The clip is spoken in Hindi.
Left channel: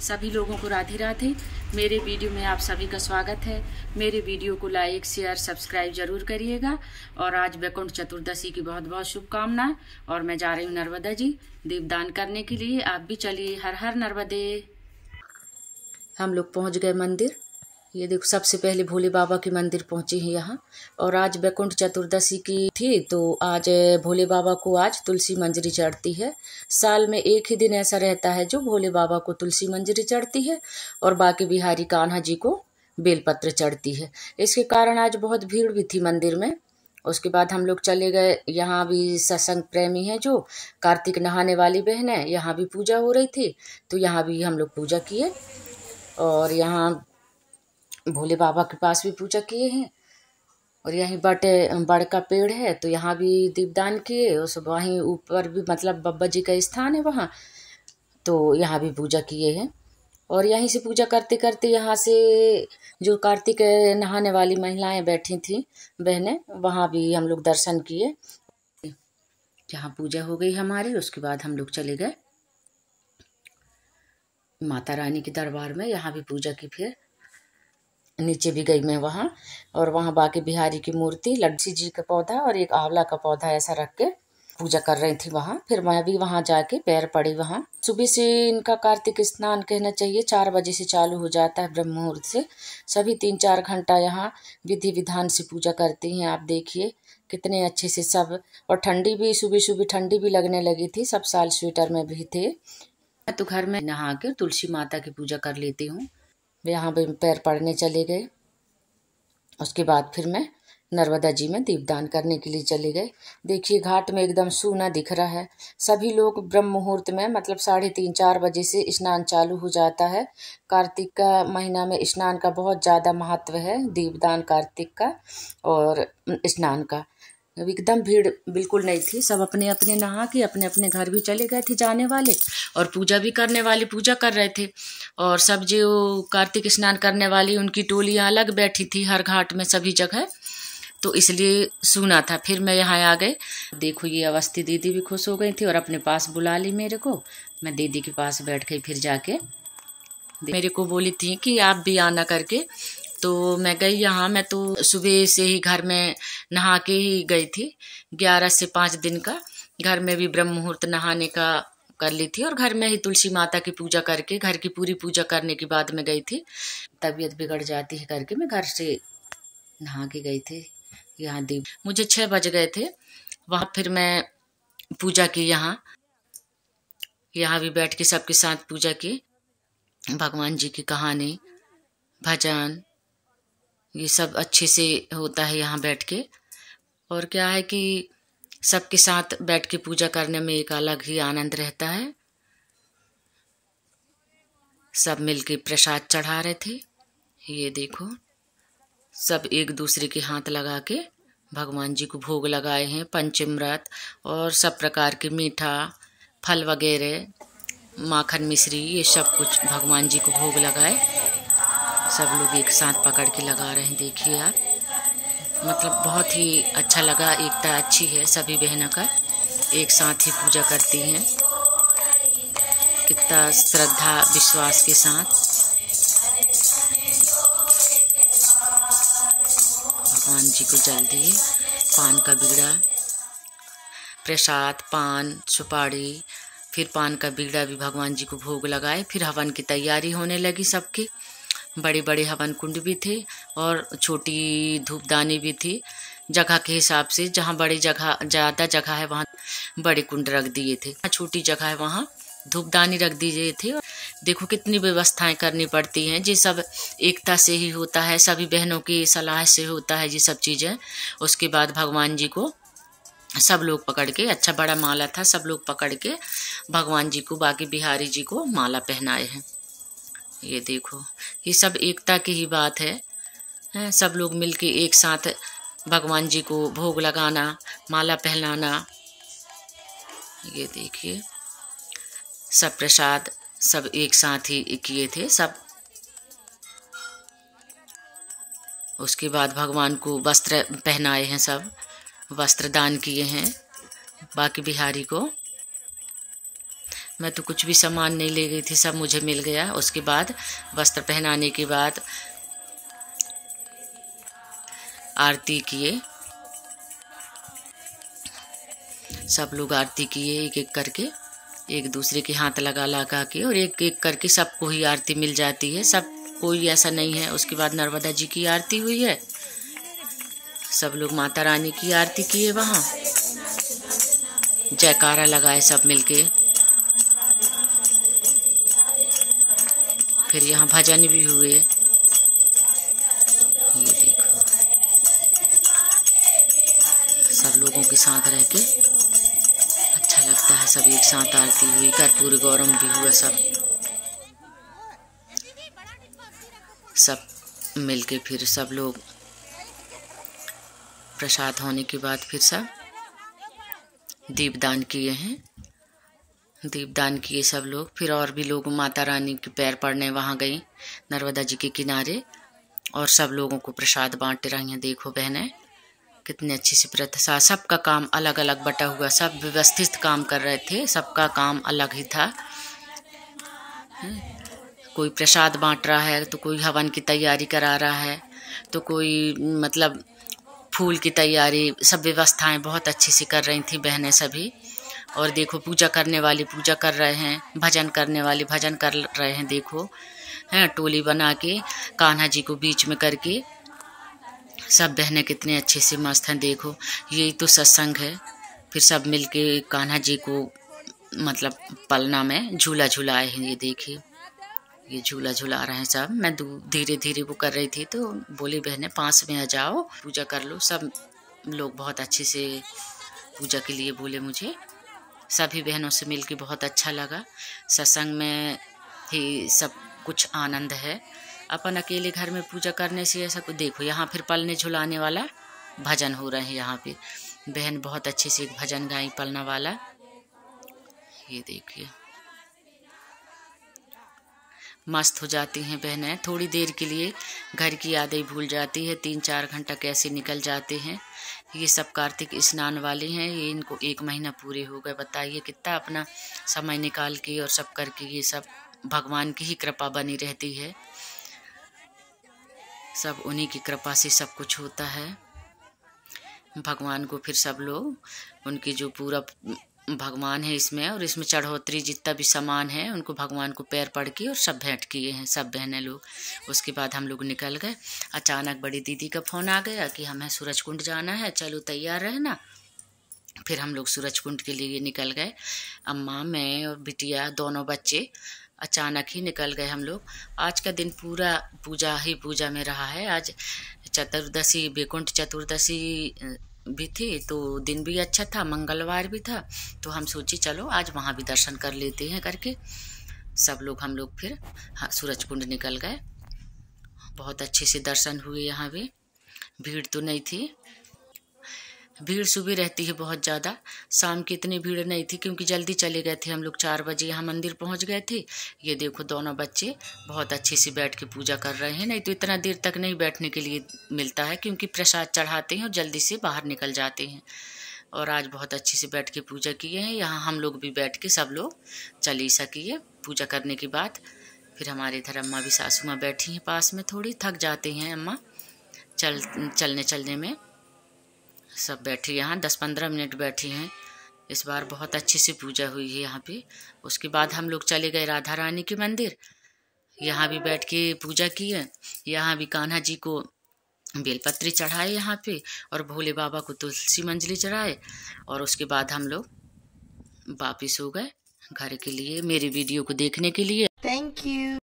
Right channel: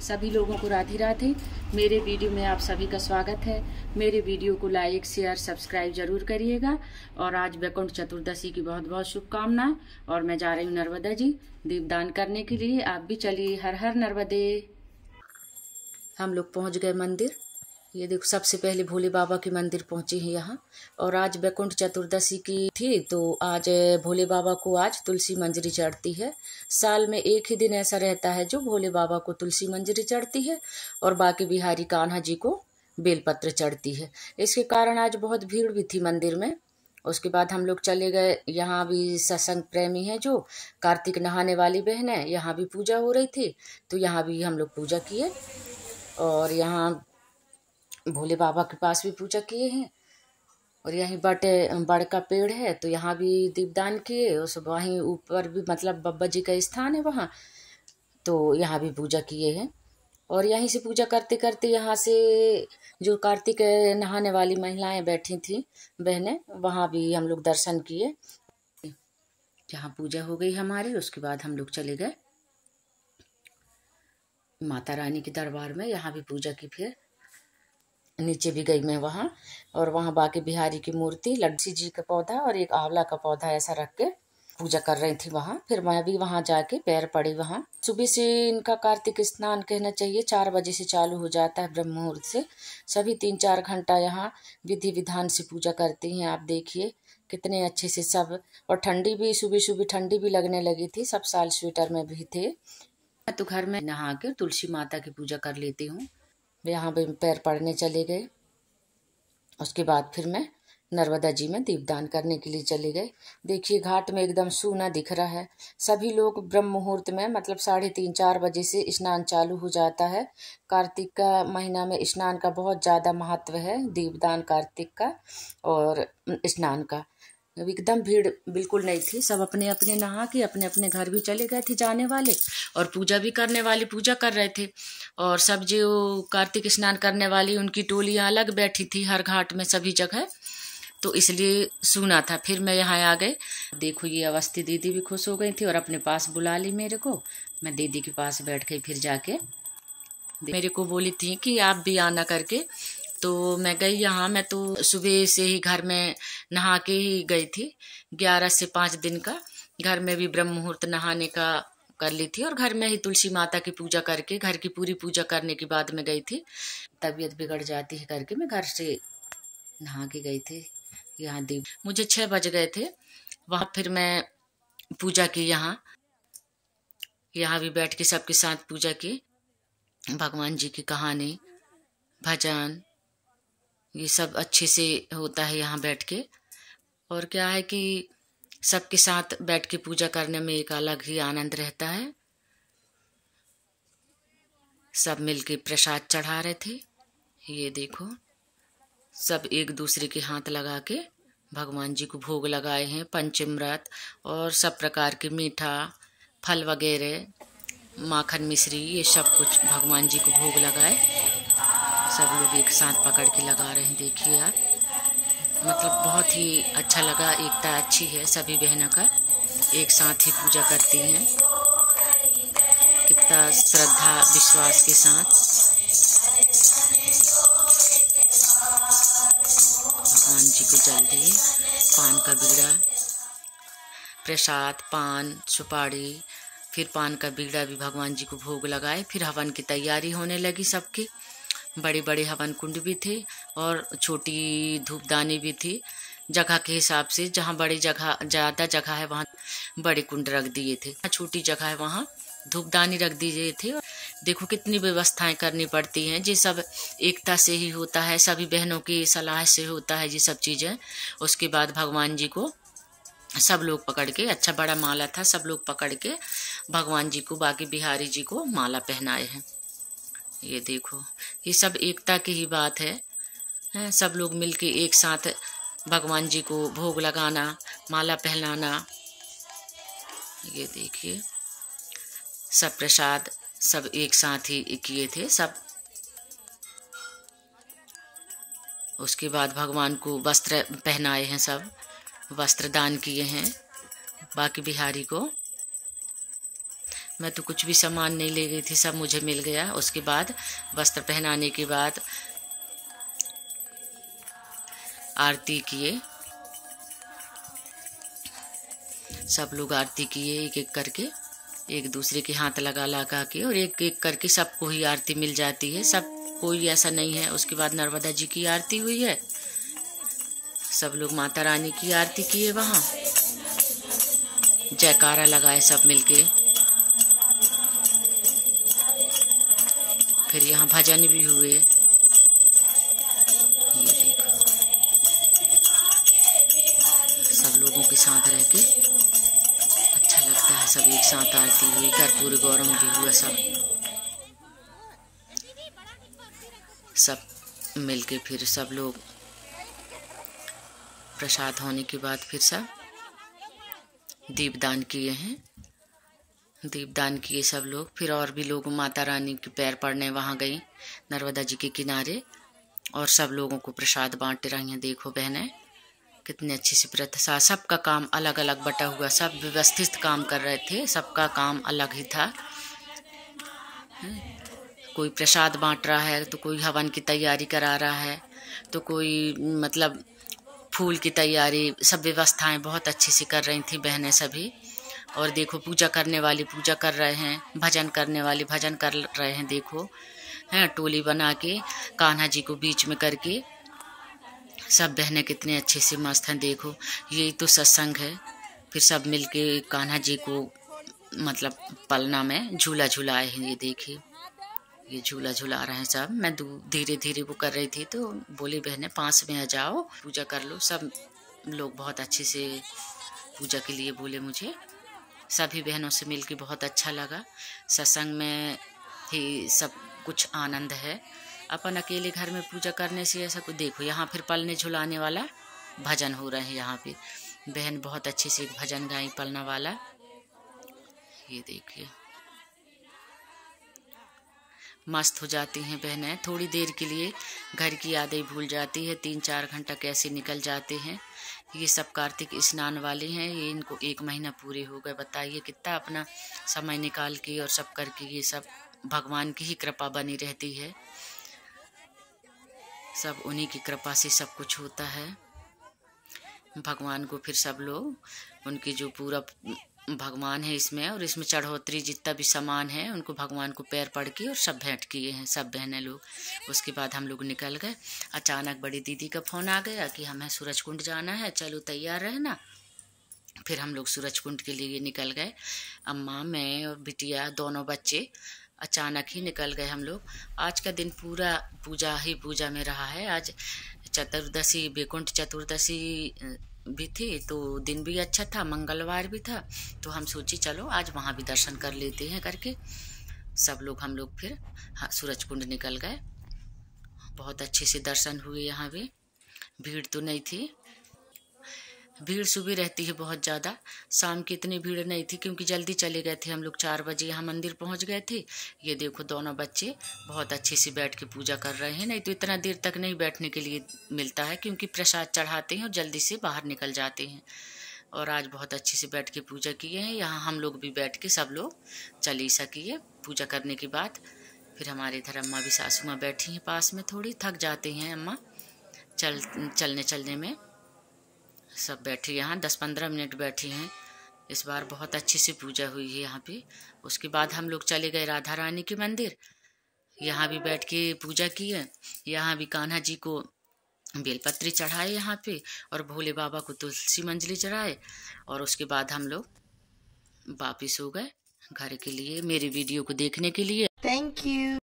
सभी लोगों को राधे राधे। मेरे वीडियो में आप सभी का स्वागत है। मेरे वीडियो को लाइक शेयर सब्सक्राइब जरूर करिएगा। और आज वैकुंठ चतुर्दशी की बहुत बहुत शुभकामनाएं। और मैं जा रही हूँ नर्मदा जी दीपदान करने के लिए। आप भी चलिए। हर हर नर्मदे। हम लोग पहुँच गए मंदिर। ये देखो, सबसे पहले भोले बाबा के मंदिर पहुंचे हैं यहाँ। और आज वैकुंठ चतुर्दशी की थी, तो आज भोले बाबा को आज तुलसी मंजरी चढ़ती है। साल में एक ही दिन ऐसा रहता है जो भोले बाबा को तुलसी मंजरी चढ़ती है और बाकी बिहारी कान्हा जी को बेलपत्र चढ़ती है। इसके कारण आज बहुत भीड़ भी थी मंदिर में। उसके बाद हम लोग चले गए। यहाँ भी सत्संग प्रेमी है जो कार्तिक नहाने वाली बहन है, यहाँ भी पूजा हो रही थी, तो यहाँ भी हम लोग पूजा किए। और यहाँ भोले बाबा के पास भी पूजा किए हैं। और यहीं बड़ का पेड़ है, तो यहाँ भी दीपदान किए। उस वहीं ऊपर भी मतलब बाबा जी का स्थान है वहाँ, तो यहाँ भी पूजा किए हैं। और यहीं से पूजा करते करते यहाँ से जो कार्तिक नहाने वाली महिलाएं बैठी थी बहनें, वहाँ भी हम लोग दर्शन किए। जहाँ पूजा हो गई हमारी, उसके बाद हम लोग चले गए माता रानी के दरबार में। यहाँ भी पूजा की, फिर नीचे भी गई मैं वहाँ। और वहाँ बाकी बिहारी की मूर्ति, लड्डू जी का पौधा और एक आंवला का पौधा ऐसा रख के पूजा कर रही थी वहाँ। फिर मैं भी वहाँ जाके पैर पड़ी वहाँ। सुबह से इनका कार्तिक स्नान कहना चाहिए 4 बजे से चालू हो जाता है, ब्रह्म मुहूर्त से। सभी 3-4 घंटा यहाँ विधि विधान से पूजा करती हैं। आप देखिए कितने अच्छे से सब। और ठंडी भी, सुबह सुबह ठंडी भी लगने लगी थी। सब साल स्वेटर में भी थे। मैं तो घर में नहा के तुलसी माता की पूजा कर लेती हूँ। यहाँ पे पैर पड़ने चले गए। उसके बाद फिर मैं नर्मदा जी में दीपदान करने के लिए चले गए। देखिए घाट में एकदम सूना दिख रहा है। सभी लोग ब्रह्म मुहूर्त में मतलब 3:30-4 बजे से स्नान चालू हो जाता है। कार्तिक का महीना में स्नान का बहुत ज़्यादा महत्व है, दीपदान कार्तिक का और स्नान का। एकदम भीड़ बिल्कुल नहीं थी। सब अपने अपने नहा के अपने अपने घर भी चले गए थे जाने वाले, और पूजा भी करने वाले पूजा कर रहे थे। और सब जो कार्तिक स्नान करने वाली उनकी टोलियां अलग बैठी थी हर घाट में सभी जगह, तो इसलिए सुना था। फिर मैं यहाँ आ गए। देखो ये अवस्थी दीदी भी खुश हो गई थी और अपने पास बुला ली मेरे को। मैं दीदी के पास बैठ गई। फिर जाके मेरे को बोली थी कि आप भी आना करके, तो मैं गई यहाँ। मैं तो सुबह से ही घर में नहा के ही गई थी। 11 से 5 दिन का घर में भी ब्रह्म मुहूर्त नहाने का कर ली थी। और घर में ही तुलसी माता की पूजा करके, घर की पूरी पूजा करने के बाद में गई थी। तबीयत बिगड़ जाती है करके मैं घर से नहा के गई थी। यहाँ दीप मुझे 6 बज गए थे वहाँ। फिर मैं पूजा की यहाँ भी बैठ के सबके साथ पूजा की। भगवान जी की कहानी, भजन, ये सब अच्छे से होता है यहाँ बैठ के। और क्या है कि सबके साथ बैठ के पूजा करने में एक अलग ही आनंद रहता है। सब मिलके प्रसाद चढ़ा रहे थे। ये देखो सब एक दूसरे के हाथ लगा के भगवान जी को भोग लगाए हैं। पंचामृत और सब प्रकार के मीठा फल वगैरह, माखन मिश्री, ये सब कुछ भगवान जी को भोग लगाए। सब लोग एक साथ पकड़ के लगा रहे हैं। देखिए आप, मतलब बहुत ही अच्छा लगा। एकता अच्छी है, सभी बहनों का एक साथ ही पूजा करती हैं, कितना श्रद्धा विश्वास के साथ। भगवान जी को जल दिए पान का बीड़ा, प्रसाद, पान, सुपारी, फिर पान का बीड़ा भी भगवान जी को भोग लगाए। फिर हवन की तैयारी होने लगी सबकी। बड़े बड़े हवन कुंड भी थे और छोटी धूपदानी भी थी। जगह के हिसाब से जहाँ बड़ी जगह ज़्यादा जगह है वहाँ बड़े कुंड रख दिए थे, छोटी जगह है वहाँ धूपदानी रख दिए थे। देखो कितनी व्यवस्थाएं करनी पड़ती हैं। ये सब एकता से ही होता है, सभी बहनों की सलाह से होता है ये सब चीज़ें। उसके बाद भगवान जी को सब लोग पकड़ के, अच्छा बड़ा माला था, सब लोग पकड़ के भगवान जी को, बाकी बिहारी जी को माला पहनाए हैं। ये देखो ये सब एकता की ही बात है। सब लोग मिलके एक साथ भगवान जी को भोग लगाना, माला पहनाना। ये देखिए सब प्रसाद सब एक साथ ही किए थे सब। उसके बाद भगवान को वस्त्र पहनाए हैं, सब वस्त्र दान किए हैं बाकी बिहारी को। मैं तो कुछ भी सामान नहीं ले गई थी, सब मुझे मिल गया। उसके बाद वस्त्र पहनाने के बाद आरती किए, सब लोग आरती किए एक एक करके, एक दूसरे के हाथ लगा लगा के, और एक एक करके सबको ही आरती मिल जाती है, सब कोई ऐसा नहीं है। उसके बाद नर्मदा जी की आरती हुई है, सब लोग माता रानी की आरती किए, वहाँ जयकारा लगाए सब मिलके। फिर यहाँ भजन भी हुए, सब लोगों के साथ रह के अच्छा लगता है। सब एक साथ आरती हुई, कर्पूर गौरम भी हुआ, सब मिलके फिर सब लोग प्रसाद होने के बाद फिर सब दीपदान किए हैं, दीपदान किए सब लोग। फिर और भी लोग माता रानी के पैर पड़ने वहाँ गए नर्मदा जी के किनारे, और सब लोगों को प्रसाद बांट रही हैं। देखो बहनें कितनी अच्छी सी प्रथा, सबका काम अलग अलग बटा हुआ, सब व्यवस्थित काम कर रहे थे, सबका काम अलग ही था। कोई प्रसाद बांट रहा है, तो कोई हवन की तैयारी करा रहा है, तो कोई मतलब फूल की तैयारी, सब व्यवस्थाएं बहुत अच्छी से कर रही थी बहनें सभी। और देखो पूजा करने वाली पूजा कर रहे हैं, भजन करने वाले भजन कर रहे हैं। देखो हैं टोली बना के कान्हा जी को बीच में करके सब बहनें कितने अच्छे से मस्त हैं। देखो ये तो सत्संग है। फिर सब मिलके कान्हा जी को मतलब पलना में झूला झुलाए हैं। ये देखिए ये झूला झुला रहे हैं सब। मैं धीरे धीरे वो कर रही थी, तो बोली बहनें पास में आ जाओ, पूजा कर लो। सब लोग बहुत अच्छे से पूजा के लिए बोले मुझे। सभी बहनों से मिलके बहुत अच्छा लगा। सत्संग में ही सब कुछ आनंद है। अपन अकेले घर में पूजा करने से ऐसा कुछ। देखो यहाँ फिर पलने झुलाने वाला भजन हो रहे हैं। यहाँ पे बहन बहुत अच्छे से भजन गाई पलना वाला। ये देखिए मस्त हो जाती हैं बहनें। थोड़ी देर के लिए घर की यादें भूल जाती है। 3-4 घंटा कैसे निकल जाते हैं। ये सब कार्तिक स्नान वाले हैं, ये इनको 1 महीना पूरे हो गए। बताइए कितना अपना समय निकाल के और सब करके, ये सब भगवान की ही कृपा बनी रहती है। सब उन्हीं की कृपा से सब कुछ होता है। भगवान को फिर सब लोग उनकी जो पूरा भगवान है इसमें, और इसमें चढ़ोतरी जितना भी सामान है उनको भगवान को पैर पड़ के और सब भेंट किए हैं सब बहनें लोग। उसके बाद हम लोग निकल गए। अचानक बड़ी दीदी का फोन आ गया कि हमें सूरजकुंड जाना है, चलो तैयार रहना। फिर हम लोग सूरजकुंड के लिए निकल गए। अम्मा, मैं और बिटिया, दोनों बच्चे अचानक ही निकल गए हम लोग। आज का दिन पूरा पूजा ही पूजा में रहा है। आज चतुर्दशी, वैकुंठ चतुर्दशी भी थी, तो दिन भी अच्छा था, मंगलवार भी था। तो हम सोचे चलो आज वहाँ भी दर्शन कर लेते हैं करके सब लोग हम लोग फिर सूरजकुंड निकल गए। बहुत अच्छे से दर्शन हुए। यहाँ भी भीड़ तो नहीं थी। भीड़ सुबह रहती है बहुत ज़्यादा, शाम की इतनी भीड़ नहीं थी क्योंकि जल्दी चले गए थे हम लोग। 4 बजे यहाँ मंदिर पहुँच गए थे। ये देखो दोनों बच्चे बहुत अच्छे से बैठ के पूजा कर रहे हैं। नहीं तो इतना देर तक नहीं बैठने के लिए मिलता है क्योंकि प्रसाद चढ़ाते हैं और जल्दी से बाहर निकल जाते हैं। और आज बहुत अच्छे से बैठ के पूजा किए हैं। यहाँ हम लोग भी बैठ के सब लोग चालीसा किए पूजा करने के बाद। फिर हमारे इधर अम्मा भी, सासू माँ बैठी हैं पास में, थोड़ी थक जाते हैं अम्मा चलने में। सब बैठी यहाँ 10-15 मिनट बैठी हैं। इस बार बहुत अच्छे से पूजा हुई है यहाँ पे। उसके बाद हम लोग चले गए राधा रानी के मंदिर। यहाँ भी बैठ के पूजा की है। यहाँ भी कान्हा जी को बेलपत्री चढ़ाए यहाँ पे, और भोले बाबा को तुलसी मंजरी चढ़ाए। और उसके बाद हम लोग वापिस हो गए घर के लिए। मेरे वीडियो को देखने के लिए थैंक यू।